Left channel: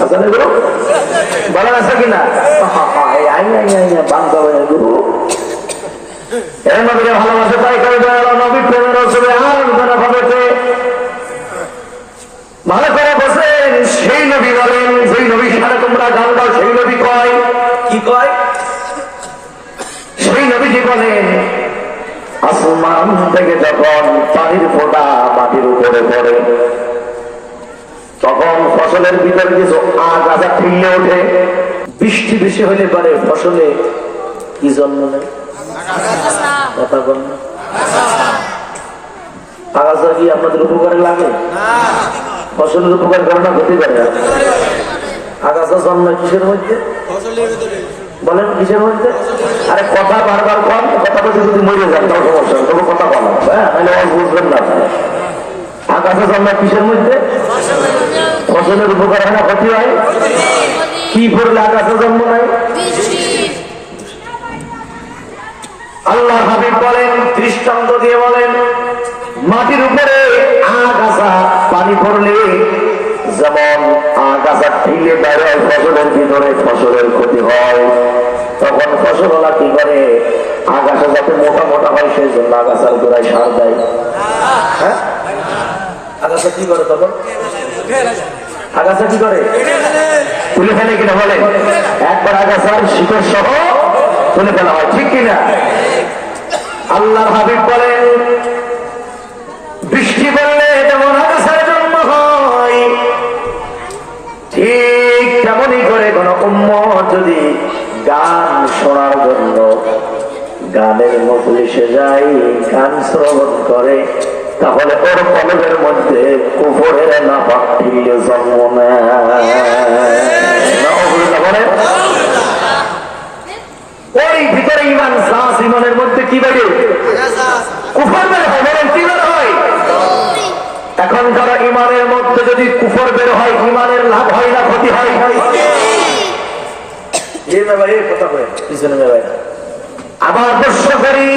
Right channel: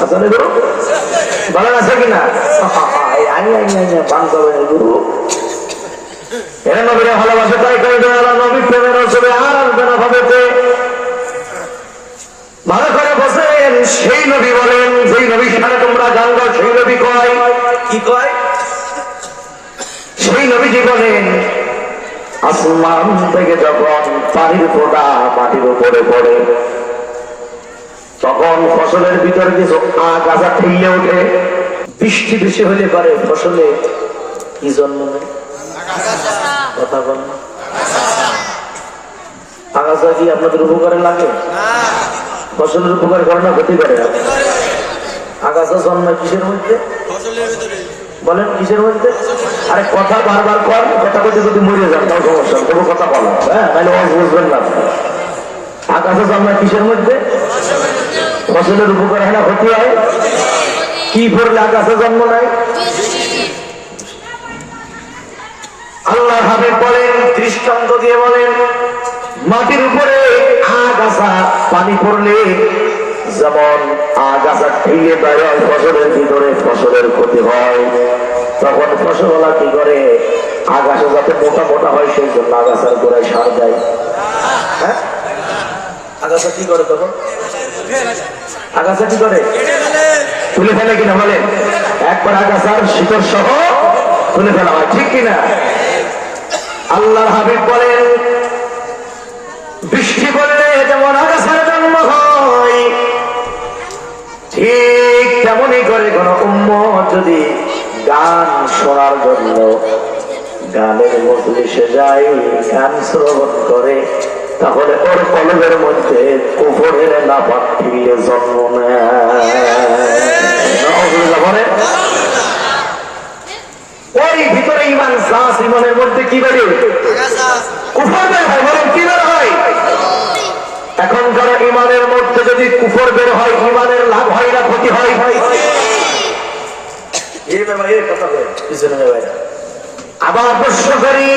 আচ্ছা আছে ভালো বসেন সেই নবী বলেন যেই নবী সারা তোমরা গান সেই নবী কয় কি কয় নবীজি বলেন, আসমান থেকে যখন পানির ফোঁটা মাটির উপরে পড়ে, তখন ফসলের ভিতরে কিছু আগাছা ঠিলে ওঠে। বৃষ্টি বেশি হলে পারে ফসলে কি জন্ম কথা আগাছা কি আপনাদের উপকারে লাগে? ফসলের উপকার করে না, ক্ষতি করে? আগাছা জন্ম কিসের মধ্যে? বলেন, কিসের মধ্যে? আরে কথা বারবার কর কথা বলতে যদি মরে যান, তাও সমস্যা তবু কথা বলো হ্যাঁ তাহলে অল্প বুঝবেন না। আগাছা জন্ম কিসের মধ্যে? ফসলের উপকার হয় না, ক্ষতি হয়? কি করলে আগাছা জন্ম নেয়? আল্লাহ হাবিব বলেন, দৃষ্টান্ত দিয়ে বলেন, মাটির উপরে আগাছা, পানি পড়লে যেমন আগাছা থেকে বাইরে ফসলের ভিতরে ফসলের ক্ষতি হয়, তখন ফসলওয়ালা কি করে? আগাছা যাতে মোটা মোটা হয়, সেই জন্য আগাছার গোড়ায় সার দেয়। হ্যাঁ? শিকড় সহ ফেলা হয়, ঠিক কিনা? আল্লাহ হাবিব বলেন, বৃষ্টি বললে যেমন ঠিক তেমনই করে কোন উম্ম যদি গান শোনার জন্য গানের মজলিসে যাই গান শ্রবণ করে, তাহলে ওর কলেজের মধ্যে কুফরের না বাকিয়ে জন্ম নেয়। ওই ভিতরে ইমান সাহস ইমানের মধ্যে কি বেড়ে কুফর বের হয় বলেন কি বের হয় যারা ইমানের মধ্যে যদি কুফর বের হয় ইমানের লাভ হয় না, ক্ষতি হয়। আবার প্রশ্ন করি,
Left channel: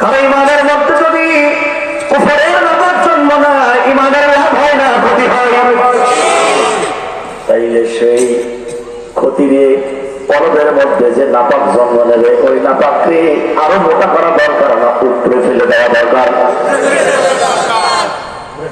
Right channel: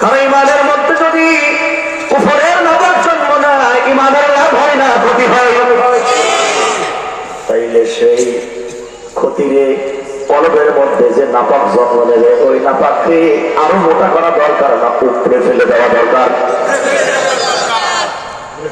কারণ ইমানের মধ্যে যদি কুফরের জন্ম না ইমানের লাভ হয় না, ক্ষতি হয়? তাইলে সেই মধ্যে যে নাপাক জন্ম নেবে, ওই নাপাককে আরও মোটা করা দরকার না, উপরে ফেলে দেওয়া দরকার।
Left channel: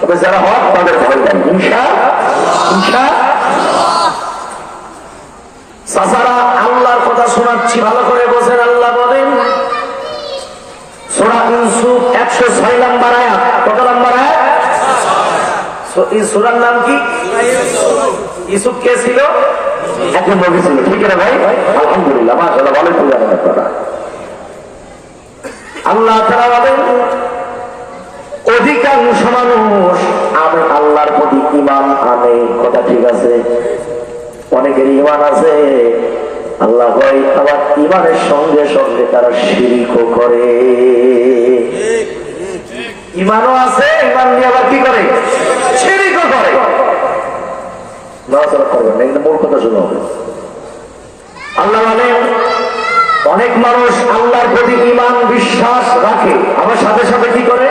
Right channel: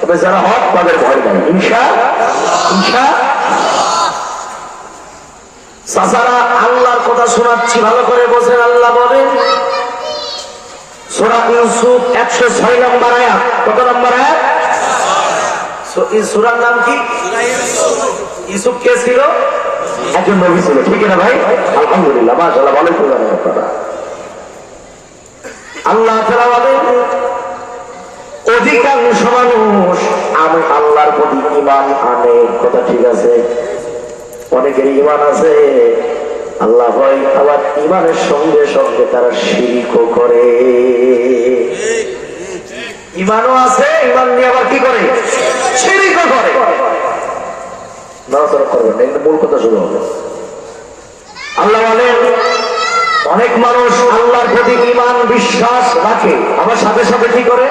তবে যারা হক তাদের ভয় নেই। হিংসা? হিংসা? চাচারা আল্লাহর কথা শোনাচ্ছি, ভালো করে বোঝেন আল্লাহ বলেন। সোরা ইউসুফ একশো ছয় নম্বর আয়াত। কত নম্বর সুরার নাম কি? ইউসুফ কে ছিল? একজন নবী ছিল। ঠিক না ভাই? আলহামদুলিল্লাহ আল্লাহ তারা বলেন, অধিকাংশ মানুষ আল্লাহর প্রতি ইমান আনে। কথা ঠিক আছে? অনেকের ইমান আছে। আল্লাহ হয় আবার ইমানের সঙ্গে সঙ্গে তারা শিরিকও করে। ইমানও আছে ইমান নিয়ে আবার কি করে? আল্লাহ বলেন, অনেক মানুষ আল্লাহর প্রতি ইমান বিশ্বাস রাখে। আমার সাথে সাথে কি করে?